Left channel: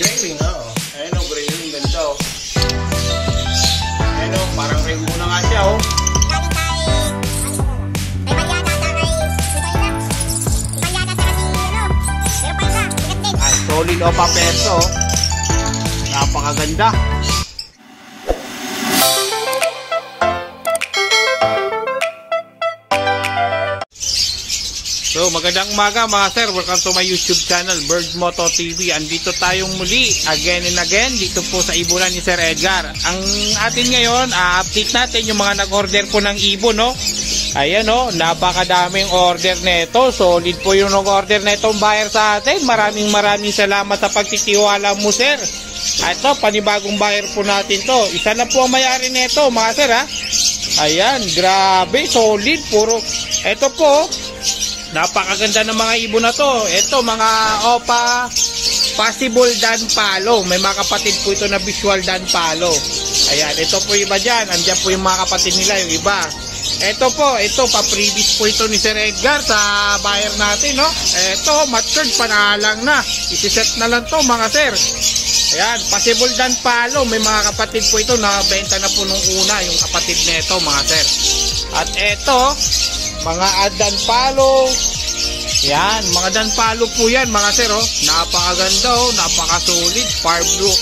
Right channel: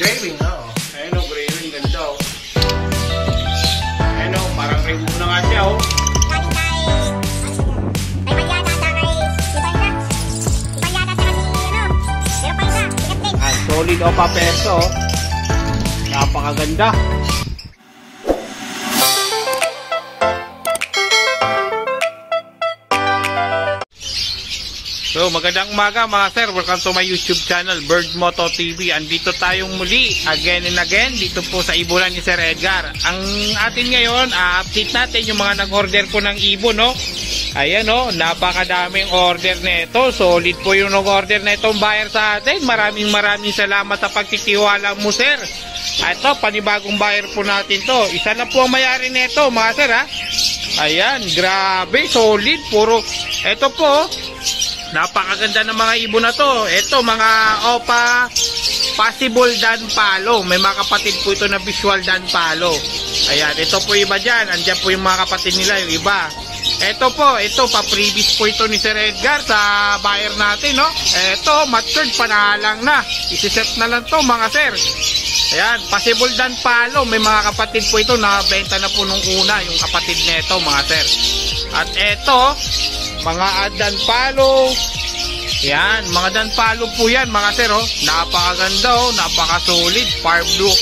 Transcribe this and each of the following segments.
Graving, oo. Ayan o, graving. Ganda o. Ayan o, parang rainbow na nga siya o. Solid o papeso. Napakaganda. So magandang umaga mga sir. Welcome to my YouTube channel, Bird Moto TV. Andito tayong muli again and again dito po sa ibunan ni Sir Edgar. Ang atin ngayon, update natin yung mga nag-order po ng ibon, no? Ayan o, napakadaming order nito. Solid po yung nag-order na itong buyer sa atin. Maraming salamat sa pagtitiwala mo, sir. At ito, panibagong buyer po natin to. Isa lang po ang may-ari nito, mga sir, ha. Ayan, grabe, solid. Puro, ito po, napakaganda ng mga ibon na to. Ito, mga Opa Possible Dan Palo. May mga kapatid po ito na Visual Dan Palo. Ayan, ito po iba dyan. Andiyan po yung mga kapatid nila, yung iba. Ito po, ito pa-previous po ito ni Sir Edgar sa buyer natin, no? Ito, matured, panalang na. Isi-set na lang to, mga sir. Ayan, Possible Dan Palo. May mga kapatid po ito na benta na po nung una, yung kapatid nito, mga sir. At ito, mga Dan Palo. Yan, mga Dan Palo po yan, mga sir, oh. Napakaganda, oh. Napaka-solid. Far blue.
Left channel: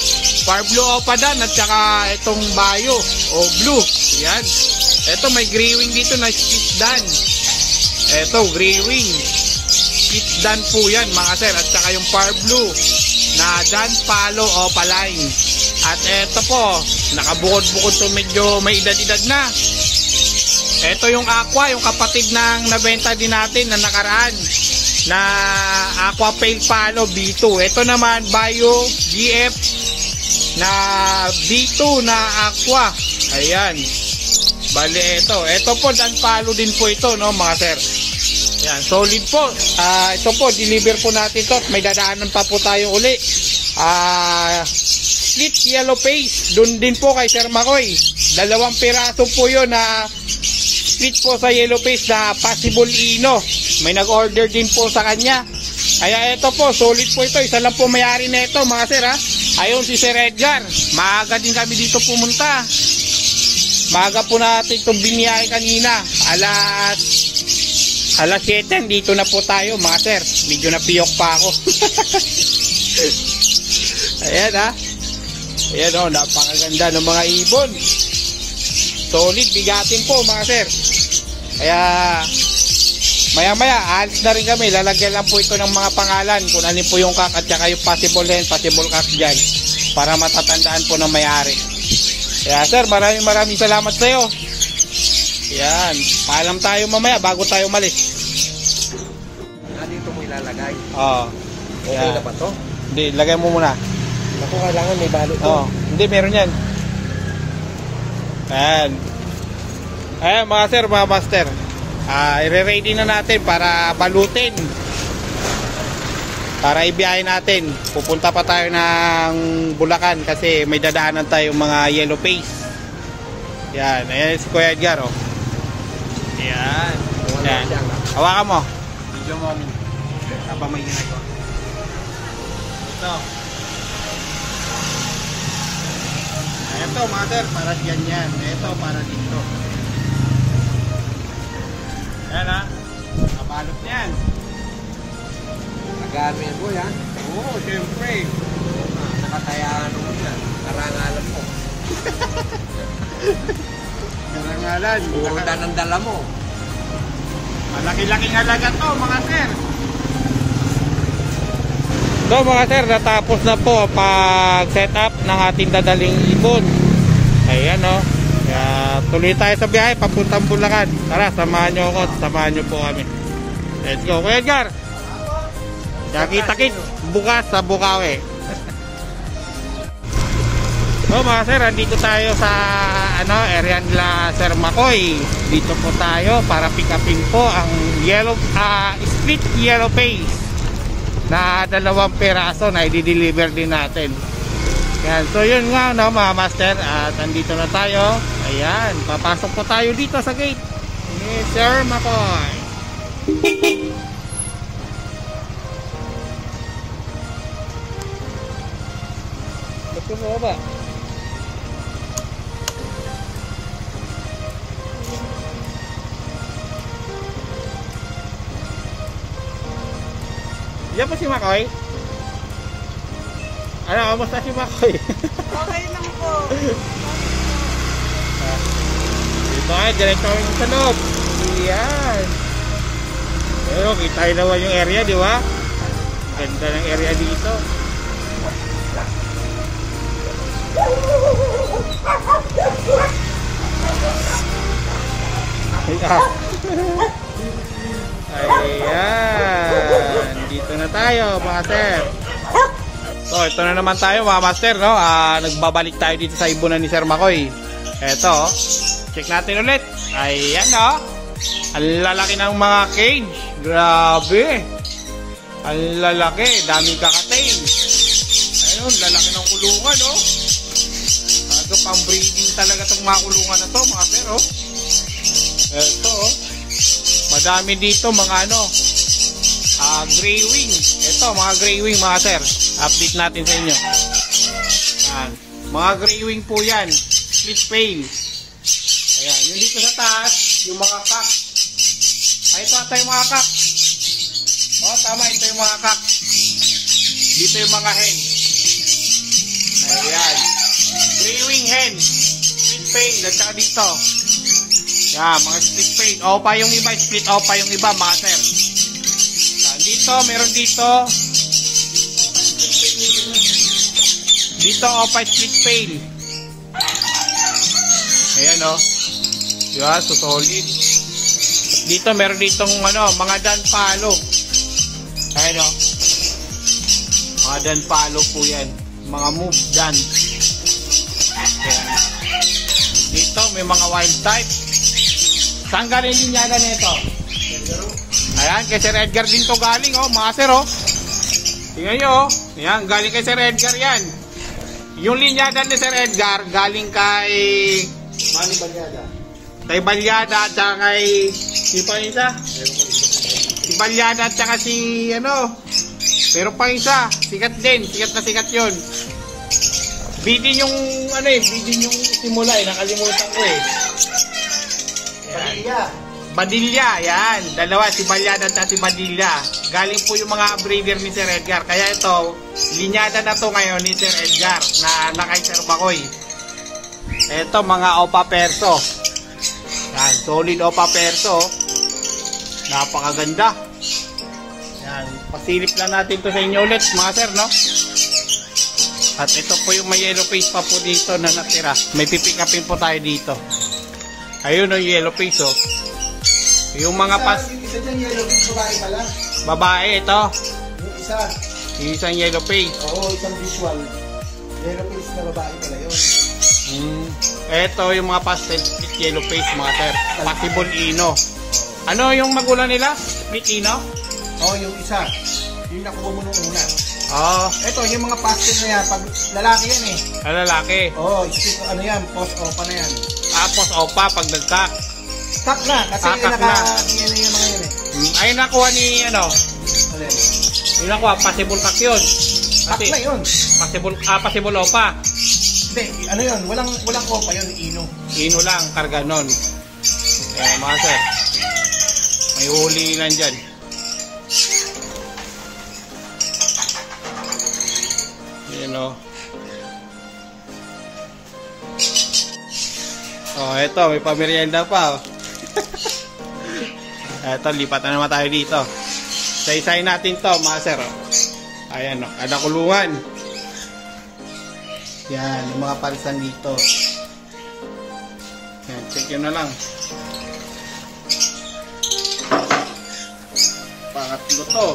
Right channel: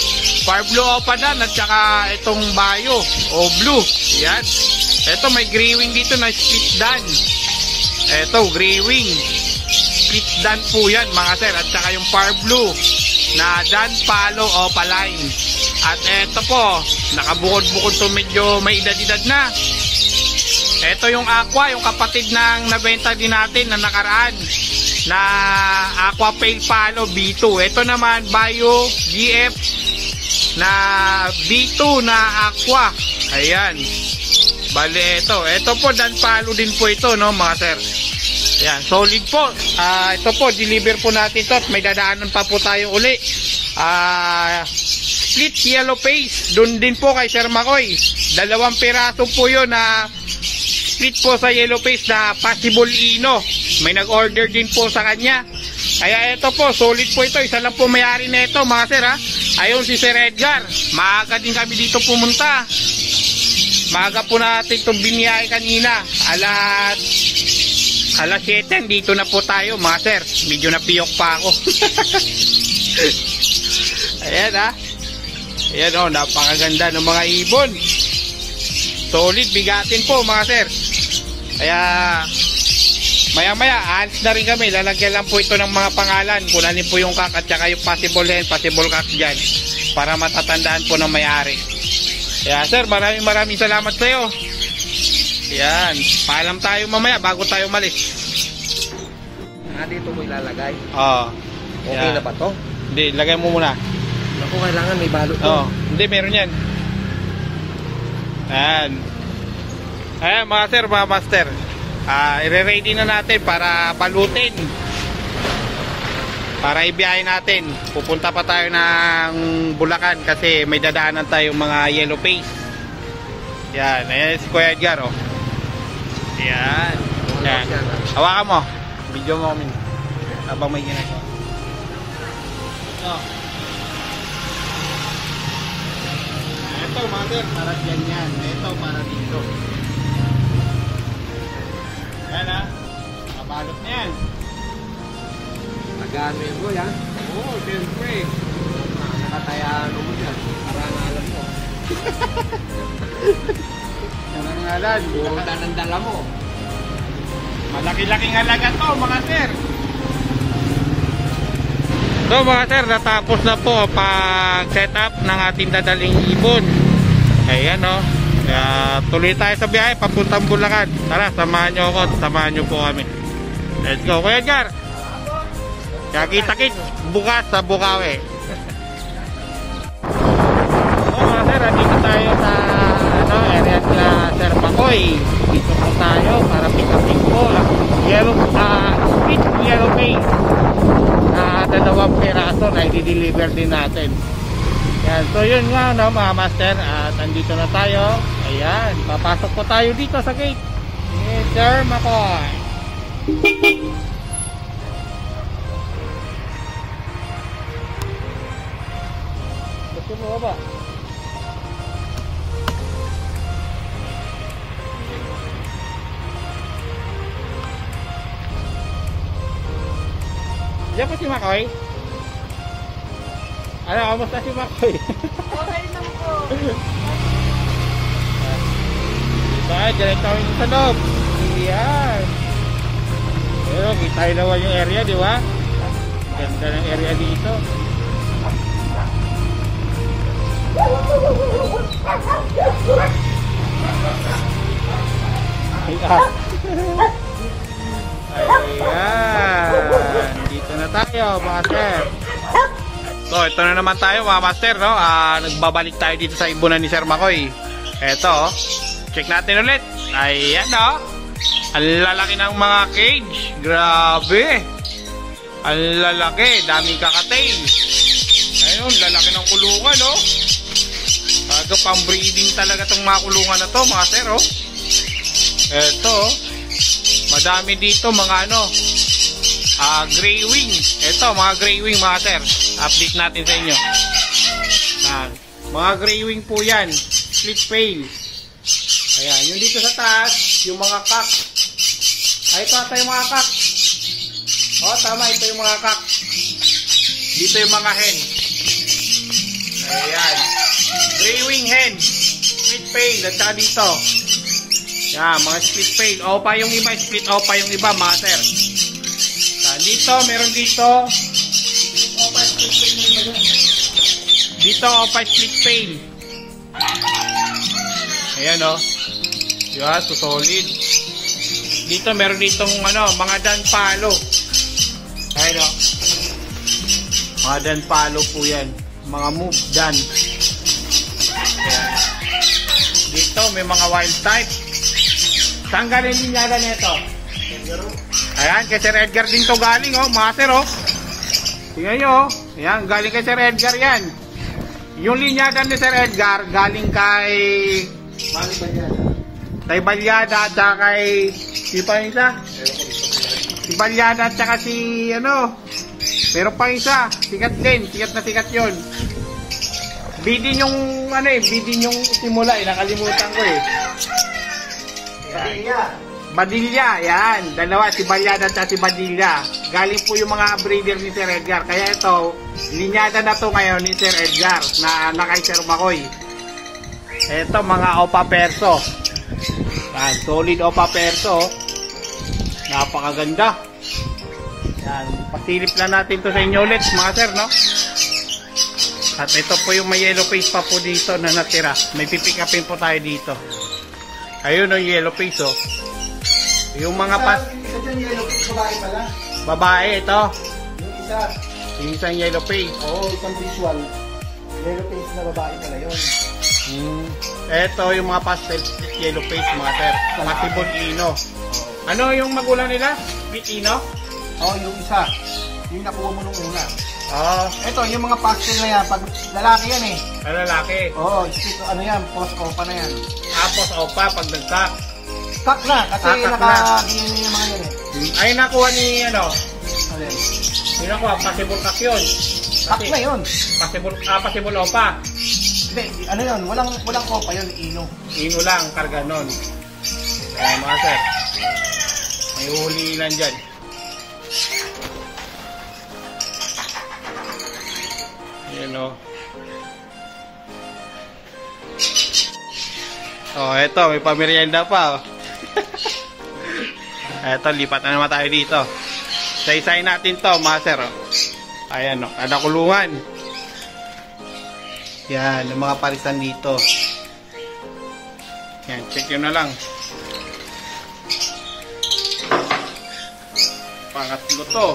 Far blue Opa Dan at saka itong Bayo o blue. Yan. Ito, may gray wing dito na split dan. Ito, gray wing. Split dan po yan, mga sir. At saka yung far blue na Dan Palo Opa line. At ito po, nakabukod-bukod to, medyo may edad-edad na. Ito yung aqua, yung kapatid ng nabenta din natin na nakaraan na Aqua Pale Palo B2. Ito naman, Bayo GF na B2 na aqua. Ayan. Bale, ito po Dan Palo din po ito, no, mga sir. Ayan, solid po. Ito po, deliver po natin to at may dadaanan pa po tayo uli. Split yellow face, dun din po kay Sir Makoy. 2 piraso po yun na split po sa yellow face na Possible Ino. May nag-order din po sa kanya. Kaya ito po, solid po ito. Isa lang po may-ari na ito, mga sir, ha. Ayun si Sir Edgar. Maaga din kami dito pumunta. Maaga po natin itong biniyay kanina. Alas 7, dito na po tayo, mga sir. Medyo napiyok pa ako. Ayan, ha. Ayan, oh, napakaganda ng mga ibon. Solid, bigatin po, mga sir. Kaya maya-maya, alis na rin kami. Lalagyan lang po ito ng mga pangalan. Kung alin po yung kak at saka yung possible hen, possible kak dyan. Para matatandaan po ng may-ari. Kaya sir, maraming salamat sa iyo. Yan, paalam tayo mamaya bago tayo malis. Dito mo ilalagay. Oo. Okay na ba to? Hindi, lagay mo muna. Ako kailangan may balot to. Oo, hindi, meron yan. Ayan. Ayan, mga sir, mga master. I-ready na natin para balutin. Para ibiyahin natin. Pupunta pa tayo ng Bulacan kasi may dadaanan tayong mga yellow face. Yan, ayan si Kuya Edgar, oh. Yan. Yan. Hawakan mo. Video mo kami. Habang may ginagawa. Ito. Ito, mga sir, para dyan yan. Ito, para dito. Yan, ha. Kabalot na yan. Magano yan, boy, ha? Oo, siyempre. Nakatayaan mo yan. Karangalan mo. Karangalan. Buta ng dala mo. Malaki-laking halaga to, mga sir. So, mga sir, natapos na po pag-set up ng ating dadaling ibon. Ayan, o. Kaya tuloy tayo sa biyahe, papuntang Bulacan. Tara, samahan nyo ako, samahan nyo po kami. Let's go, Kuya Edgar. Kaya kita-kit bukas sa Bukawi. So mga sir, dito tayo sa area nila Sir Makoy. Dito po tayo para pick upin po ang split yellow face na 2 piraso na i-deliver din natin. Yan, so yun nga, no, mga master, at andito na tayo. Ayan, papasok po tayo dito sa gate ni Sir Makoy. Ito baba. Diyan po si Makoy. Ano, kamusta si Makoy? Okay lang po. Diba, ganito yung sa loob. Yan. Pero kita naman yung area, di ba? Ganda ng area dito. Ayan. Dito na tayo, mga sir. So, ito na naman tayo, mga master, no? Nagbabalik tayo dito sa ibunan ni Sir Makoy. Eto, check natin ulit. Ayan, no? Ang lalaki ng mga cage. Grabe. Ang lalaki. Daming kakatail. Ayun, lalaki ng kulungan, no? Pang breeding talaga itong mga kulungan na to, mga sir, oh. Eto, madami dito mga ano, gray wing. Eto, mga gray wing, mga sir. Update natin sa inyo. Mga gray wing po yan. Split pail. Ayan, yung dito sa taas, yung mga cock. Ay, ito ata yung mga cock. O, tama, ito yung mga cock. Dito yung mga hen. Ayan. Gray wing hen. Split pail. At saka dito. Yan, mga split pail. Opa yung iba, split opa yung iba, mga sir. Yan, dito, meron dito. Opa split pail. Dito, opa split pail. Ayan, o. Diba, so solid. Dito, meron ditong, ano, mga dan palo. Ayan, o. Mga dan palo po yan. Mga move dan. Ayan. Dito, may mga wild type. Saan galing linyada nito? Ayan, kay Sir Edgar din to galing, oh, mga sir, oh. Tingnan nyo, oh. Ayan, galing kay Sir Edgar yan. Yung linyada ni Sir Edgar, galing kay Balyada at saka kay si pa isa? Si Balyada at saka si ano, pero pa isa, sikat din, sikat na sikat yun. Bidin yung ano eh, bidin yung simula eh, nakalimutan ko eh. Yan. Badilla, yan. Dalawa, si Balyada at si Badilla. Galing po yung mga breeder ni Sir Edgar. Kaya ito, linyada na to ngayon ni Sir Edgar na kay Sir Makoy. Ito, mga Opa Perso. Yan, solid Opa Perso. Napakaganda. Yan, pasilip lang natin to sa inyo ulit, mga sir, no? At ito po yung may yellow face pa po dito na natira. May pipick upin po tayo dito. Ayun o, yellow face, oh. Yung mga pas... Isa dyan yellow face, babae pala. Babae, ito. Yung isa. Yung isang yellow face. Oo, isang visual. Yellow face na babae pala yun. Ito yung mga pastel split yellow face, mga sir. Possible Ino. Ano yung magulang nila? Split Ino? Oo, yung isa. Yung nakuha mo nung una. Ito yung mga pastel na yan. Pag lalaki yan eh. Ay, lalaki. Oo, split ano yan. Post opa na yan. Tapos opa pag nagtak. Stock na. Kasi nakakagyan na yung mga yan eh. Ay, nakuha ni ano? Alin? Yung nakuha, possible kak yun. Stock na yun. Possible opa. Hindi, ano yun? Walang opa yun. Ino. Ino lang, karga nun. Kaya mga sir, may hulingan dyan. Yan o. Eto, may pamerienda pa. Eto, lipat na naman tayo dito. Isa-isayin natin to, mga sir. Ayan o, ada kulungan. Yan, yung mga parisan dito. Yan, check yun na lang. Pangatlo to.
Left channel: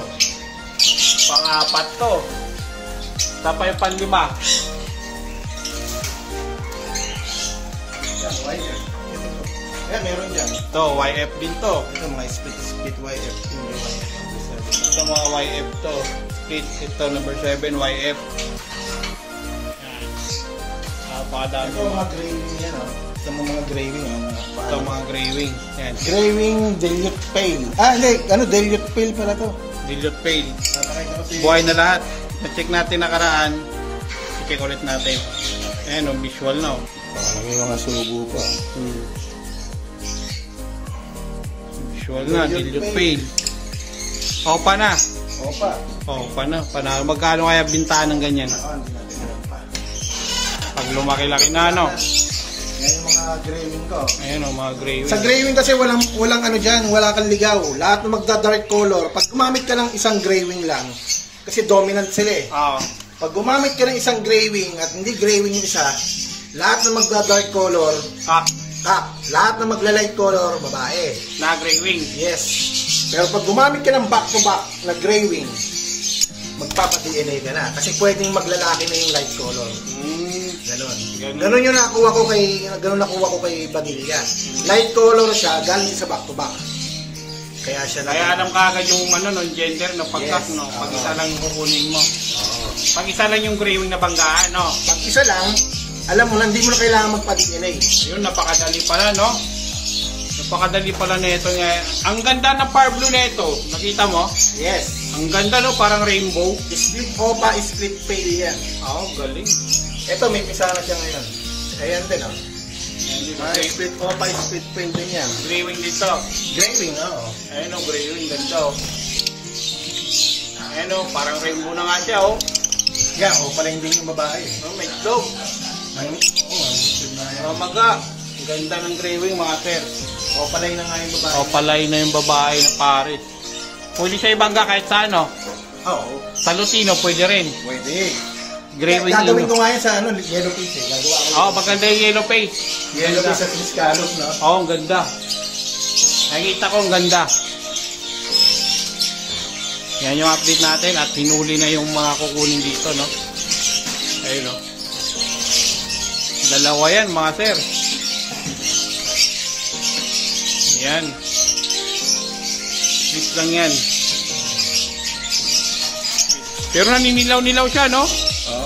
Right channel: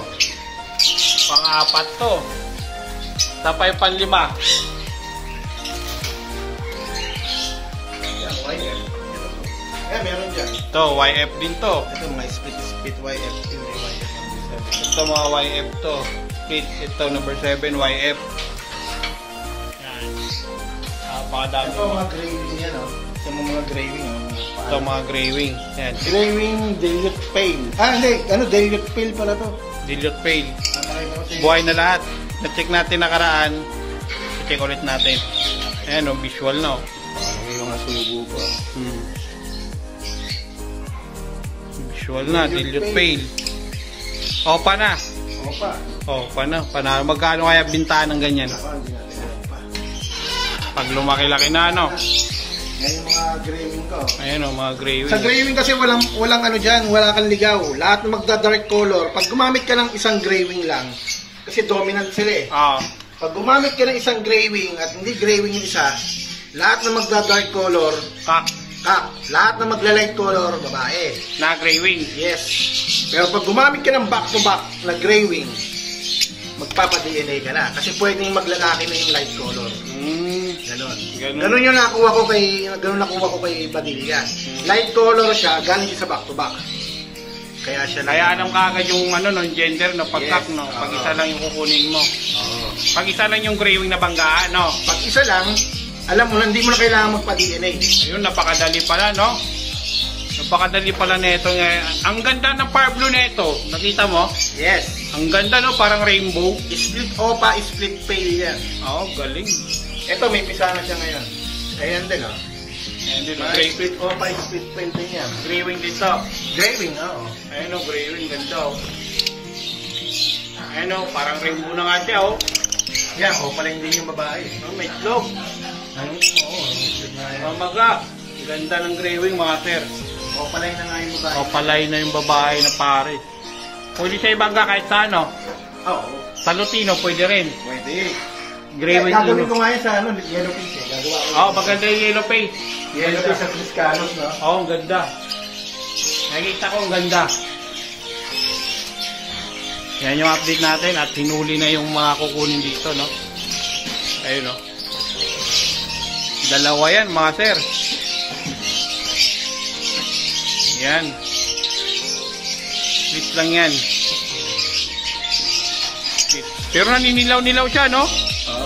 Pang-apat to. Tapay panlima. Yan, YF. Meron dyan. Ito, YF din to. Ito mga split YF. Hindi YF. Ito mga YF to. Split, ito number 7, YF. Yan. Pakadami. Ito mga gray wing yan, oh. Ito mga gray wing. Ito mga gray wing. Yan. Gray wing dilute pale. Hindi. Dilute pale pala to. Dilute pale. Buhay na lahat. Na-check natin nakaraan. check ulit natin. Ayan o, visual na o. Parang may mga subo pa. Visual na, dilute fail. Opa na. Opa na. Magkano kaya bintahan ng ganyan? Pag lumaki-laki na, ano? Yan yung mga graving ko. Ayan o, mga graving. Sa graving kasi walang ano dyan, wala kang ligaw. Lahat ng magda-dark color, pag gumamit ka ng isang graving lang, kasi dominant sila eh. Pag gumamit ka ng isang graving at hindi graving yung isa, lahat ng magda-dark color, lahat ng magla-light color, babae. Na graving? Yes. Pero pag gumamit ka ng back-to-back na graving, magpapa-DNA ka na. Kasi pwedeng maglalaki na yung light color. Ganon. Ganon yung nakuha ko kay Badilga. Light color siya, galing sa back-to-back. Kaya alam ka agad yung gender na pagkak, no? Pag isa lang yung kukunin mo. Pag isa lang yung graving na banggaan, no? Pag isa lang, alam mo, hindi mo na kailangan magpa-DNA. Yun, napakadali pala, no? Napakadali pala nito. Ang ganda ng Power Blue nito. Nakita mo? Yes. Ang ganda, no? Parang rainbow. Split opa, split pale yan. Oo, galing. Ito, may pisa na siya ngayon. Ayan din, oh. Ayan din, split opa, split pale din yan. Graving dito. Graving, oo. Ayan, oh, graving. Ganda, oh. Ayan, oh. Parang rainbow na nga siya, oh. Yan, opa lang din yung babae. Oh, may itlog. Mamaga. Ganda ng graving, mga sir. Opalay na nga yung babae. Opalay na yung babae na Paris. Pwede siya ibangga kahit sa ano? Oo. Sa Lutino, pwede rin. Pwede. Graving gagawin ko nga yan sa yellow face eh. Gagawa ko. Oo, maganda yung yellow face. Yellow face sa Triscalos, no? Oo, ang ganda. Nakikita ko ang ganda. Yan yung update natin at hinuli na yung mga kukunin dito, no? Ayun, no? Dalawa yan, mga sir. Yan. Split lang yan. Split. Pero naninilaw-nilaw siya, no?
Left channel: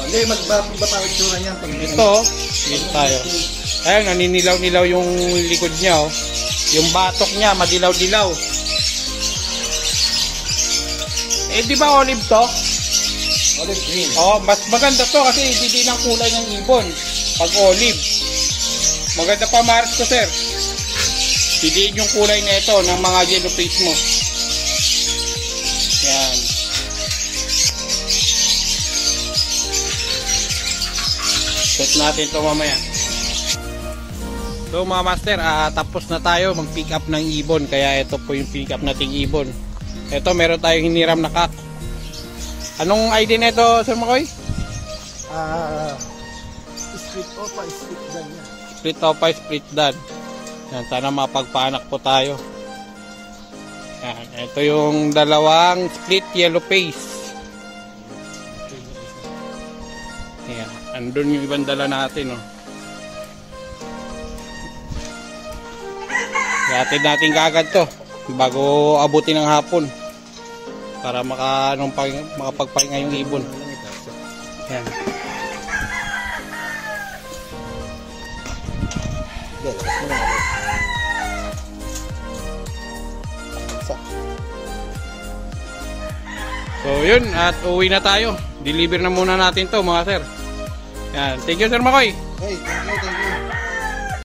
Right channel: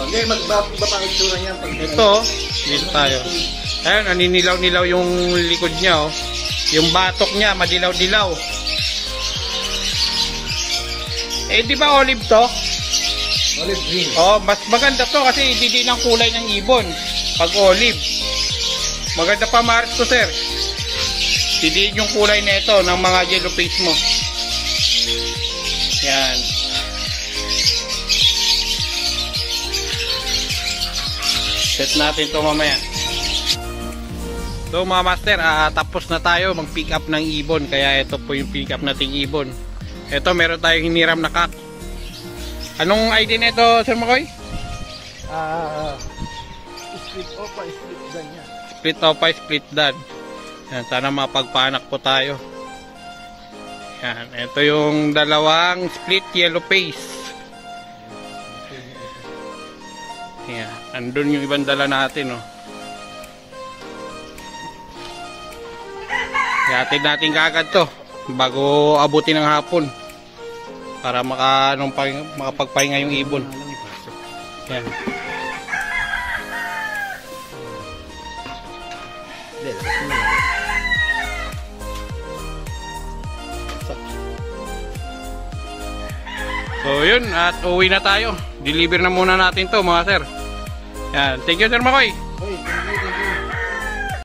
Hindi, magbapangit sura niyan. Ito, dito tayo. Ayun, naninilaw-nilaw yung likod niya, oh. Yung batok niya, madilaw-dilaw. Eh, di ba olive to? Olive green. Oh, mas maganda to kasi hindi ng kulay ng ibon. Pag olive. Maganda pa maris ko, sir. Didiin yung kulay nito ng mga yellow face mo. Yan. Set natin to mamaya. So mga master, tapos na tayo mag-pick up ng ibon. Kaya ito po yung pick up nating ibon. Ito, meron tayong hiniram na cat. Anong ID nito, Sir Makoy? Split opa, split dan yan. Split opa, split dan. Yan, sana mapagpaanak po tayo. Yan, ito yung dalawang split yellow face. Yan, andun yung ibang dala natin, oh. Ihatid natin kaagad to bago abutin ng hapon para makapagpahinga yung ibon. Yan. So yun, at uwi na tayo. Deliver na muna natin to, mga sir. Yan. Thank you, Sir Makoy. Hey, thank you.